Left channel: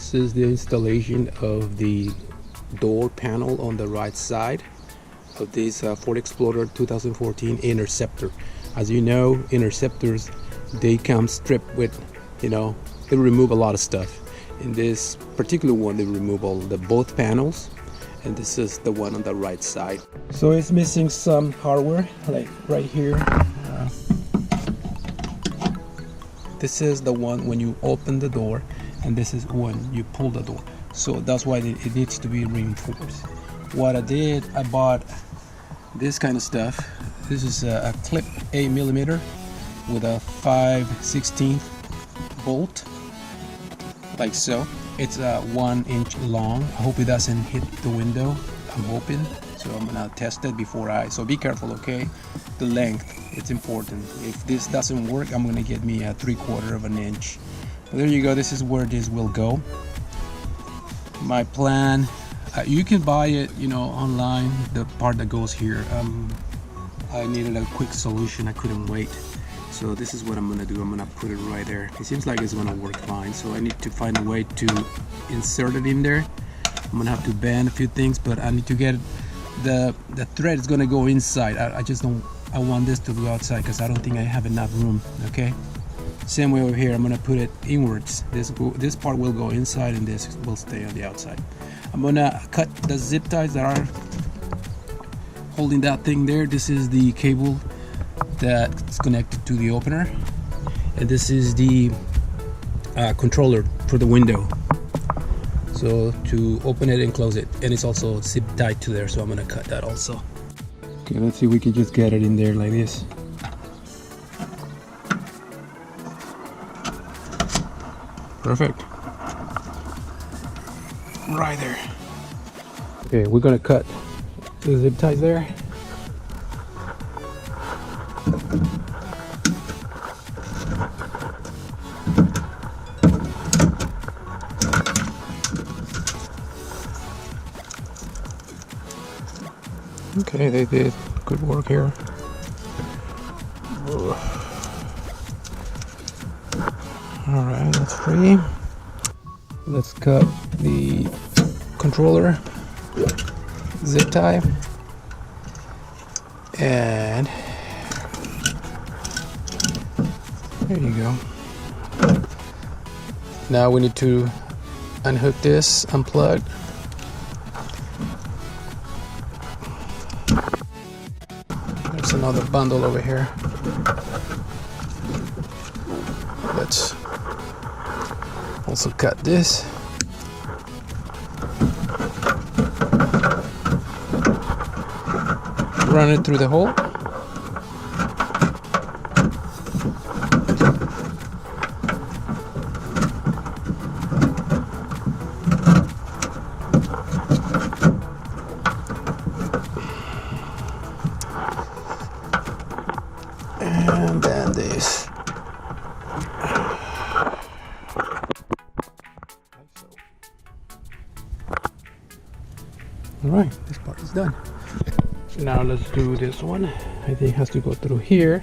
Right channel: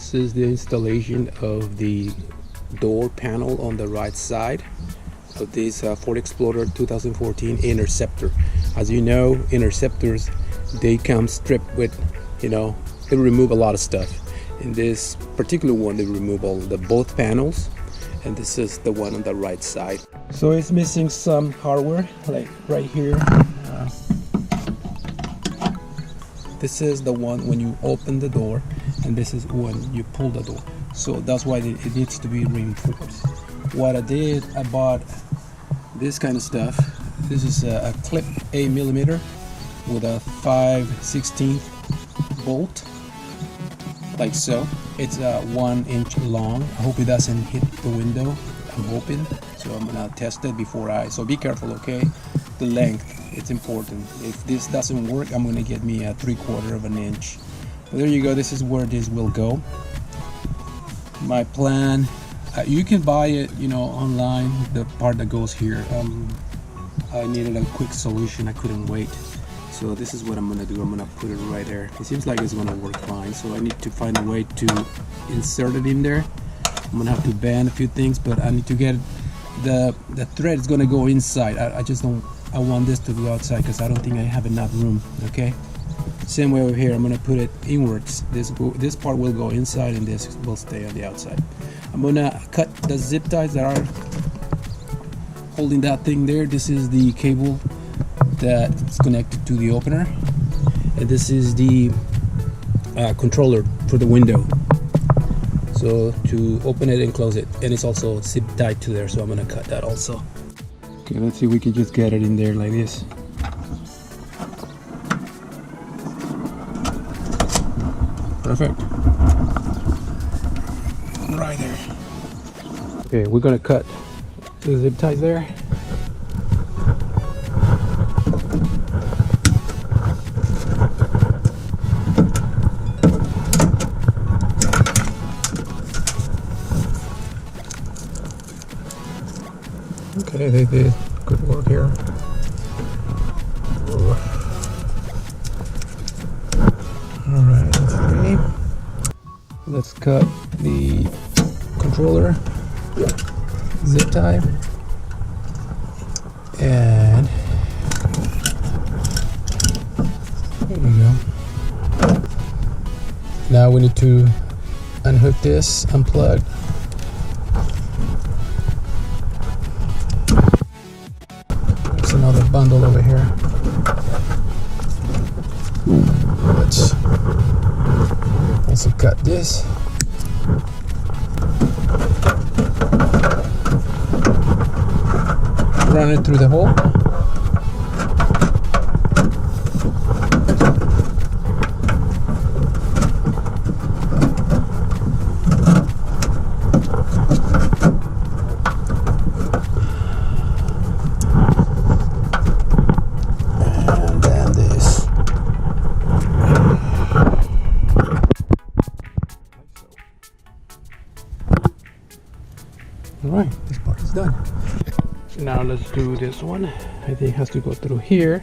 This is the installation of the door panel on the right side of this Ford Explorer 2014 Interceptor. As you know, Interceptors, they come stripped with, they remove a lot of stuff. In this particular one, they remove all the both panels, and this is the one on the right side. So it's missing some hardware, like right here. This is the one when you open the door, and this is when you pull the door. So that's why it needs to be reinforced. What I did, I bought this kind of stuff. This is a clip 8mm with a 5/16 bolt, like so. It's 1 inch long. I hope it doesn't hit the window. I'm hoping. So I'm gonna test it before so be careful, okay? The length, it's important. If this doesn't work, I'm gonna get me a 3/4 of an inch. But there you go, this is where this will go. My plan, you can buy it, online, the part that goes here. I needed a quick solution, I couldn't wait. So this is what I'm gonna do. I'm gonna put it right there. It seems like it's gonna work fine. So I need to find a way to insert it in there. I'm gonna have to bend a few things, but I need to get the thread is gonna go inside. I want this to go outside because I don't think I have enough room. Okay. Same way over here. I'm gonna put it inwards. This part will go inside, and this will stay on the outside. I'm gonna cut the zip ties that are holding that thing there. This is the cable that's connected to the opener, and this is the controller for the window. So to open it and close it, and it's also zip tied to there, so I'm gonna cut that also. Okay, let's see if we can just get it in there like this. Perfect. Right there. Okay, we're gonna cut the zip ties there. Okay, they did good work here. Alright, that's free. Let's cut the controller zip tie. And there you go. Now we need to unhook this, unplug. There's another bundle over here. Let's also cut this. Run it through the hole. And then this. Alright, this part is done. Now let's do this one. I think it has to go through here.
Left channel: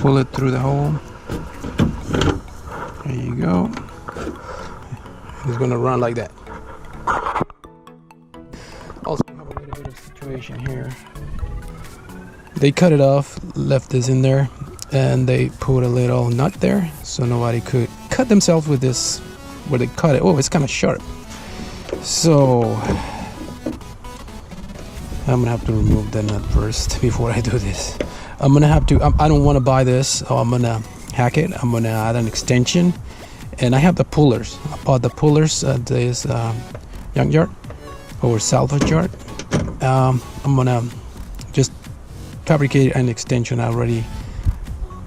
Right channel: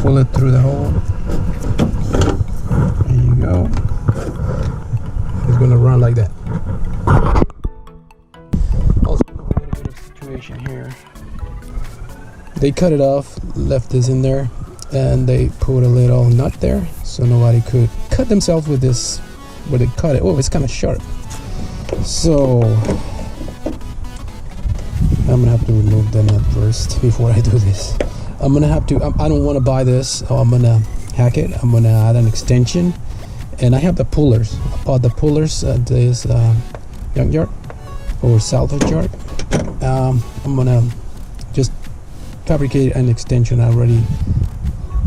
Pull it through the hole. There you go. It's gonna run like that. Also have a little bit of situation here. They cut it off, left this in there, and they put a little nut there so nobody could cut themselves with this where they cut it. Oh, it's kind of sharp. So I'm gonna have to remove the nut first before I do this. I'm gonna have to, I don't want to buy this, so I'm gonna hack it. I'm gonna add an extension, and I have the pullers. I bought the pullers at this junkyard or salvage yard. I'm gonna just fabricate an extension. I already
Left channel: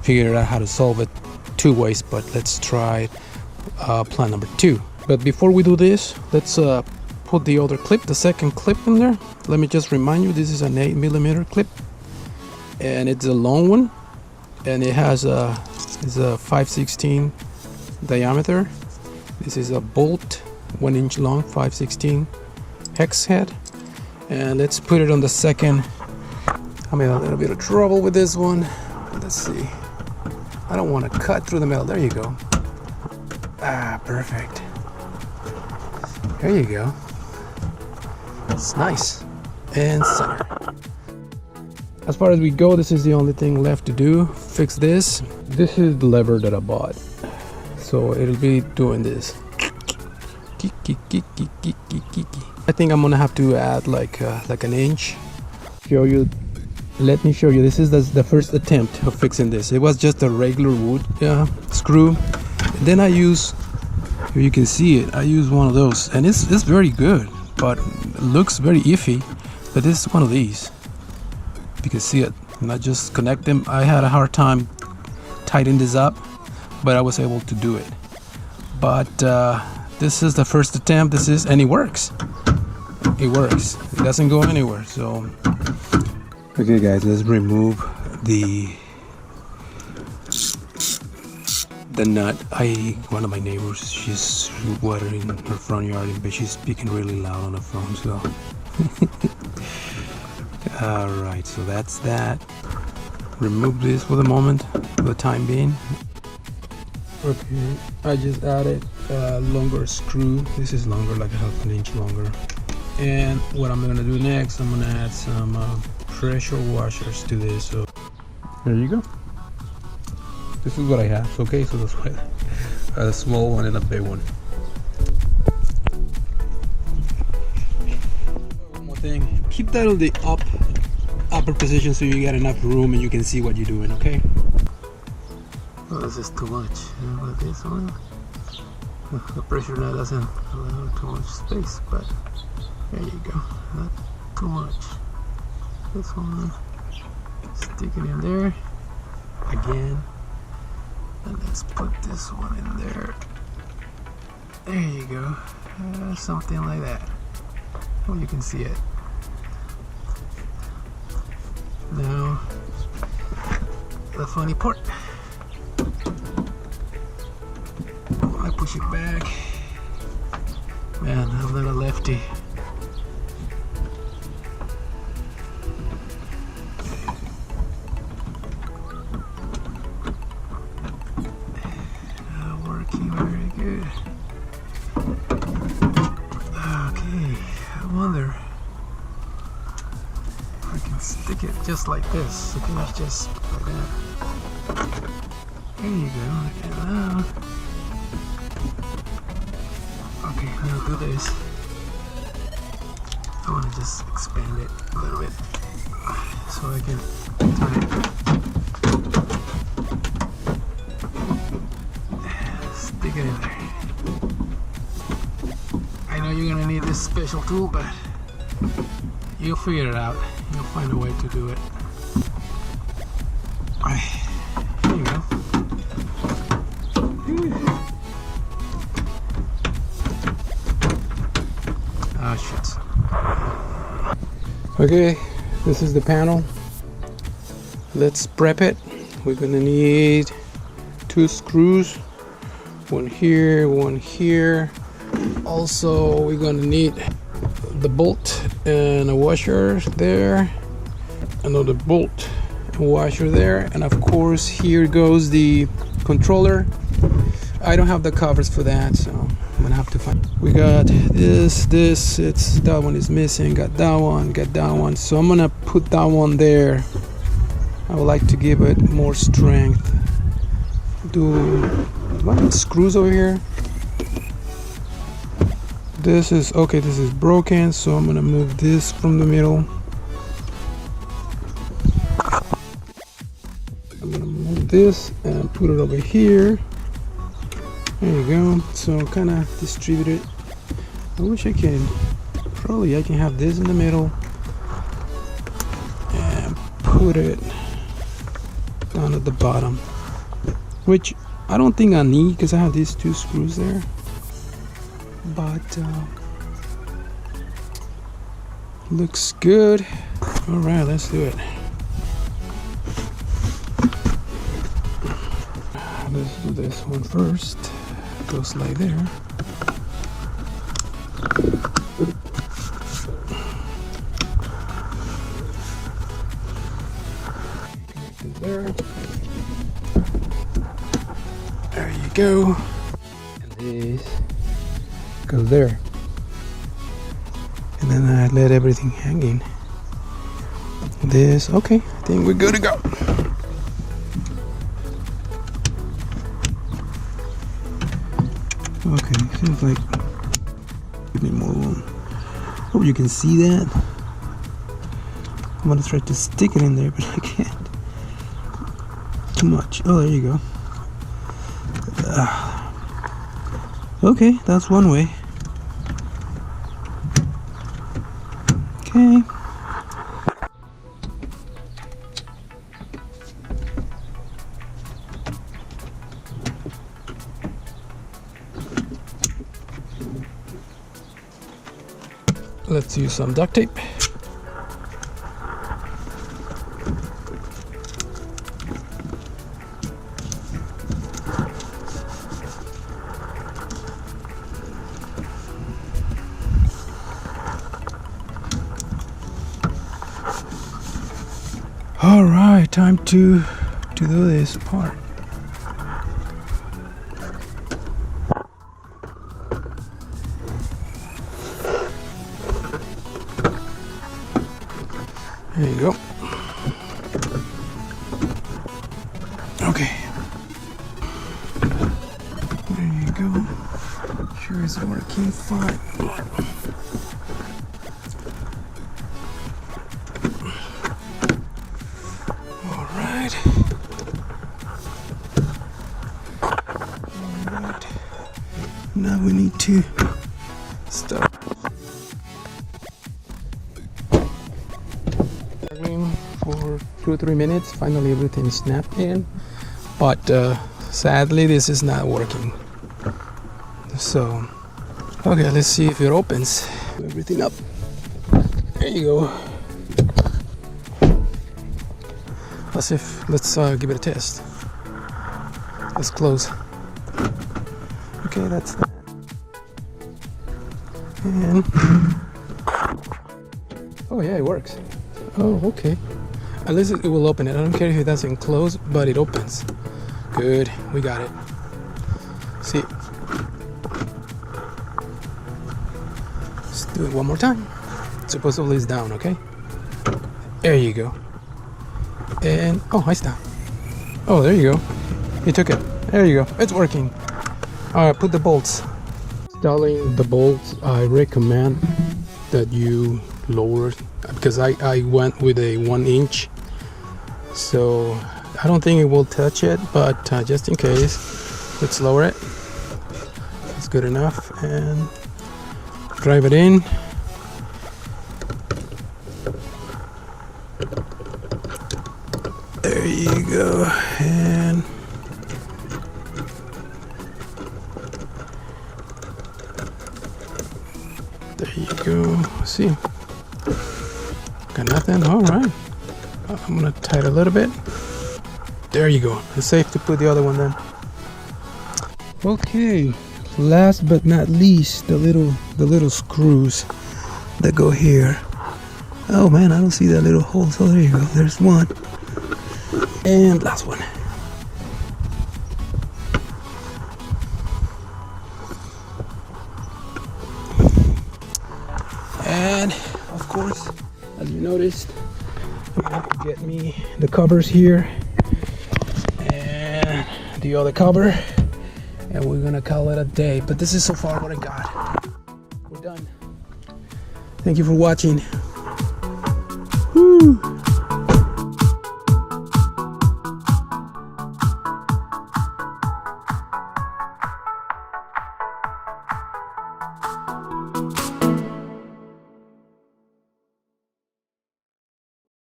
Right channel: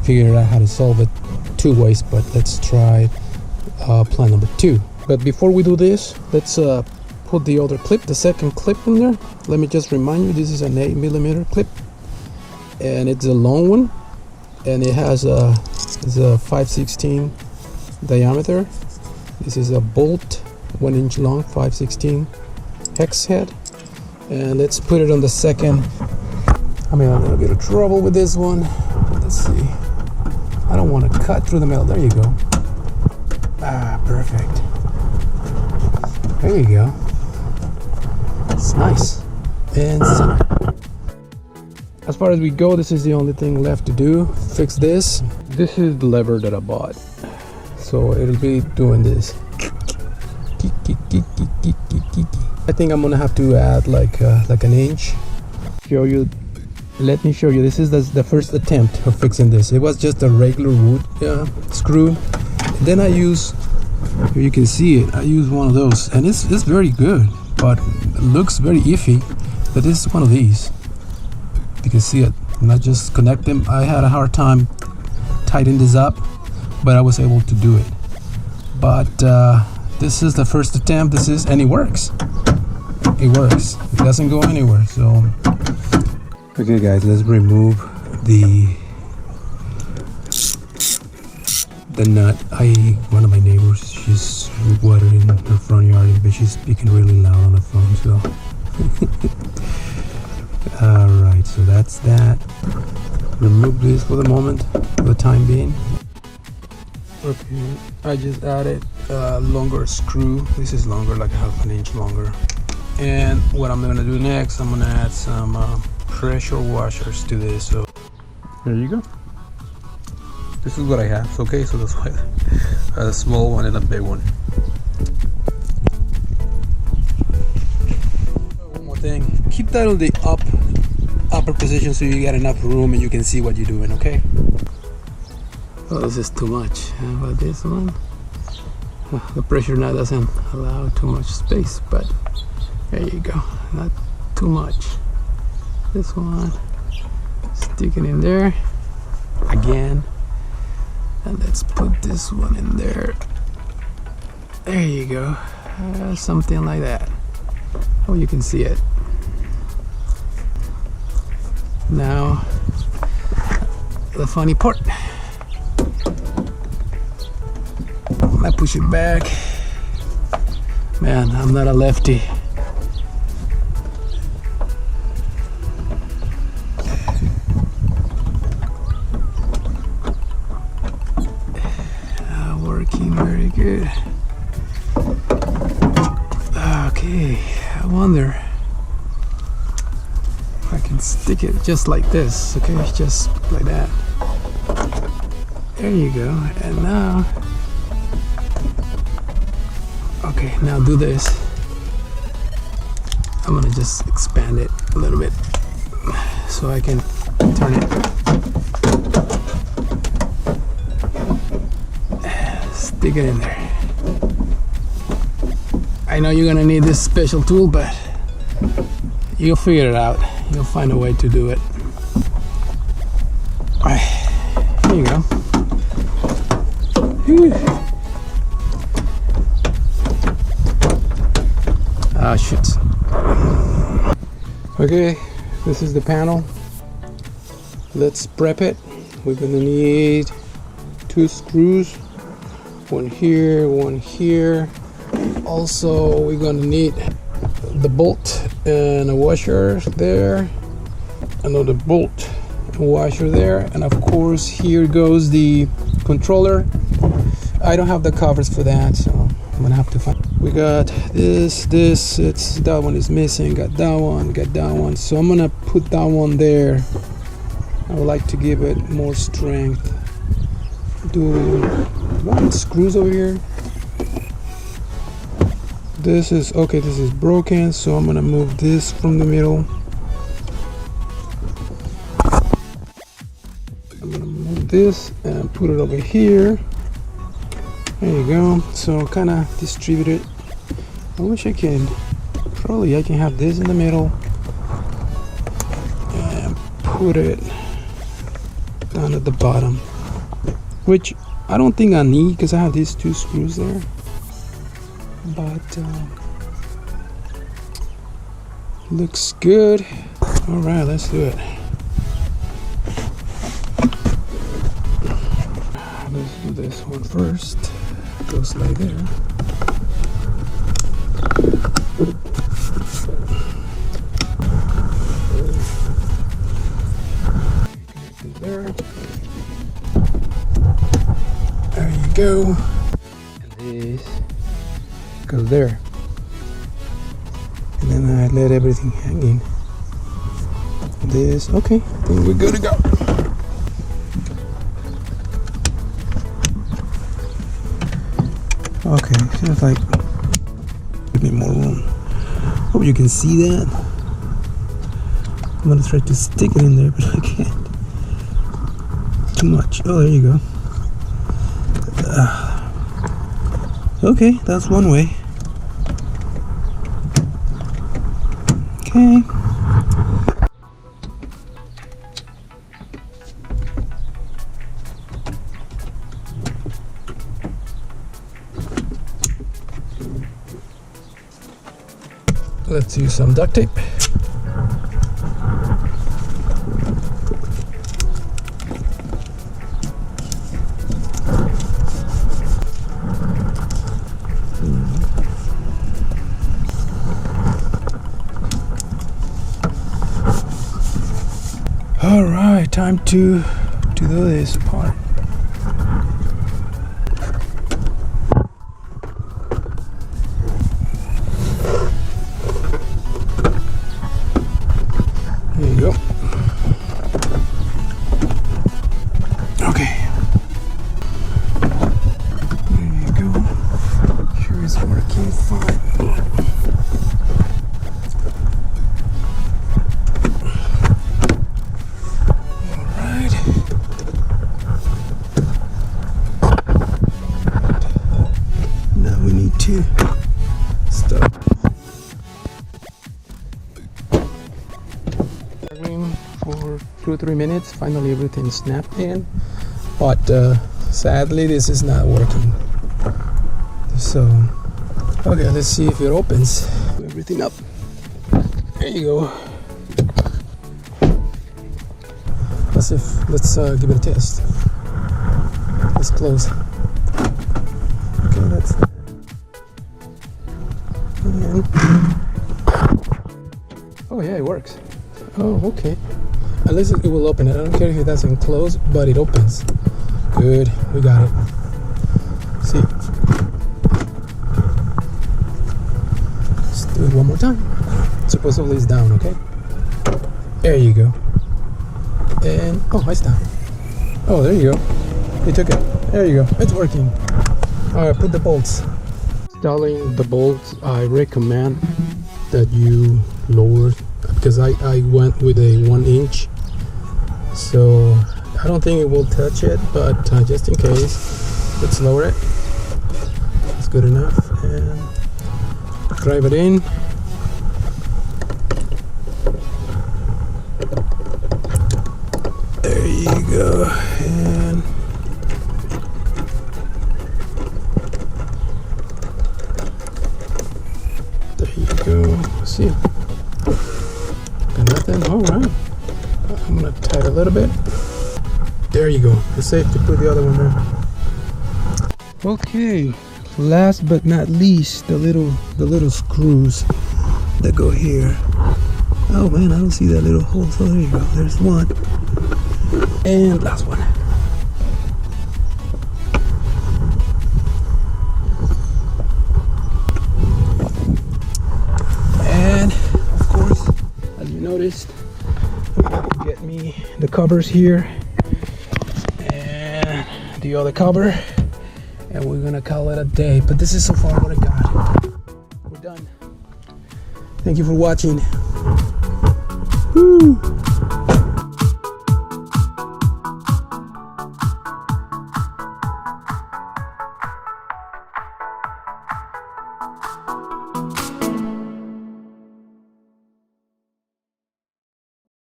figured out how to solve it 2 ways, but let's try plan number 2. But before we do this, let's put the other clip, the second clip in there. Let me just remind you, this is an 8mm clip, and it's a long one, and it has a 5/16 diameter. This is a bolt, 1 inch long, 5/16 hex head. And let's put it on the second I'm in a little bit of trouble with this one. Let's see. I don't want to cut through the middle. There you go. Ah, perfect. There you go. It's nice. And center. As far as we go, this is the only thing left to do. Fix this. This is the lever that I bought. So it'll be doing this. I think I'm gonna have to add like an inch. Show you. Let me show you. This is the first attempt of fixing this. It was just a regular wood screw. And then I use, if you can see it, I use one of those, and it's very good, but it looks very iffy. But this is one of these. You can see it, and I just connect them. I had a hard time tightening this up, but I was able to do it. But this is the first attempt. And it works. It works. It doesn't go anywhere. So okay guys, let's remove the nut. One of my neighbors, she's watering her front yard, but she's speaking really loud on the phone, so all right, so that's that. Remove this for the moment, for the time being. Okay, I just added a longer screw. This is longer, like half an inch longer. And what I'm gonna do next, I'm gonna add some pressure washers to this. So there you go. This is what I have. Okay, so that's why a small one and a big one. One more thing, keep that on the upper position so you get enough room and you can see what you're doing. Okay. Oh, this is too much. How about this one? The pressure now doesn't allow too much space, but there you go. Not too much. This one, stick it in there again, and let's put this one in there. There you go. Something like that. Oh, you can see it now. The funny part, I push it back. Man, I'm not a lefty. Working very good. Okay, I wonder if I can stick it just like this. Okay, just like that. There you go. And now, okay, now do this. I'm gonna just expand it a little bit so I can turn it. Stick it in there. I know you're gonna need this special tool, but you'll figure it out. You'll find a way to do it. Alright, there you go. Ah, shit. Okay, this is the panel. Let's prep it. We're gonna need 2 screws. One here, one here. Also, we're gonna need the bolt and a washer there, another bolt and washer there, and of course here goes the controller. I don't have the covers for that, so I'm gonna have to find. We got this, it's that one is missing, got that one, so I'm gonna put that one there. I would like to give it more strength. Do I have screws over here? This is okay, this is broken, so I'm gonna move this from the middle. I'm gonna move this and put it over here. There you go. So kind of distribute it. I wish I can, probably I can have this in the middle and put it down at the bottom, which I don't think I need because I have these 2 screws there. But looks good. All right, let's do it. Let's do this one first. Goes like there. go. And this goes there. And then I let everything hang in. This, okay, I think we're good to go. Okay, feels like we need more room. Hope you can see that. I'm gonna try to stick it in there, but I can't. Too much. Oh, there you go. Okay, that's one way. Okay. Let's use some duct tape. All right, time to do this part. There you go. Okay. There you go. Sure it's working fine. All right. Now we need to stop. For 2 or 3 minutes, finally everything snapped in, but sadly this is not working. So okay, let's see if it opens. Put everything up. There you go. Let's give it a test. Let's close. Okay, that's that. And oh yeah, it works. Oh, okay. At least it will open it. I don't care if it doesn't close, but it opens. Good, we got it. See? Let's do it one more time. Supposedly it's down, okay? There you go. And, oh, I stopped. Oh, there you go. He took it. There you go. It's working. Alright, put the bolts. Installing the bolts, I recommend that you lower, because I went with a 1-inch, so I don't think it will touch it, but just in case, let's lower it. It's good enough, and drive it in. There you go. And there you go. See, got nothing. All right, I'm gonna tie it a little bit. There you go. It's safe to put the other one then. Okay, last but not least, the little screws that go here. Oh man, I don't see that little hole. So there you go. There's one. And last one. And of course, as you noticed, I'm gonna have to get me the covers here and the other cover, and we're gonna call it a day. But this is so far what I got. We're done. Thank you for watching. Woo!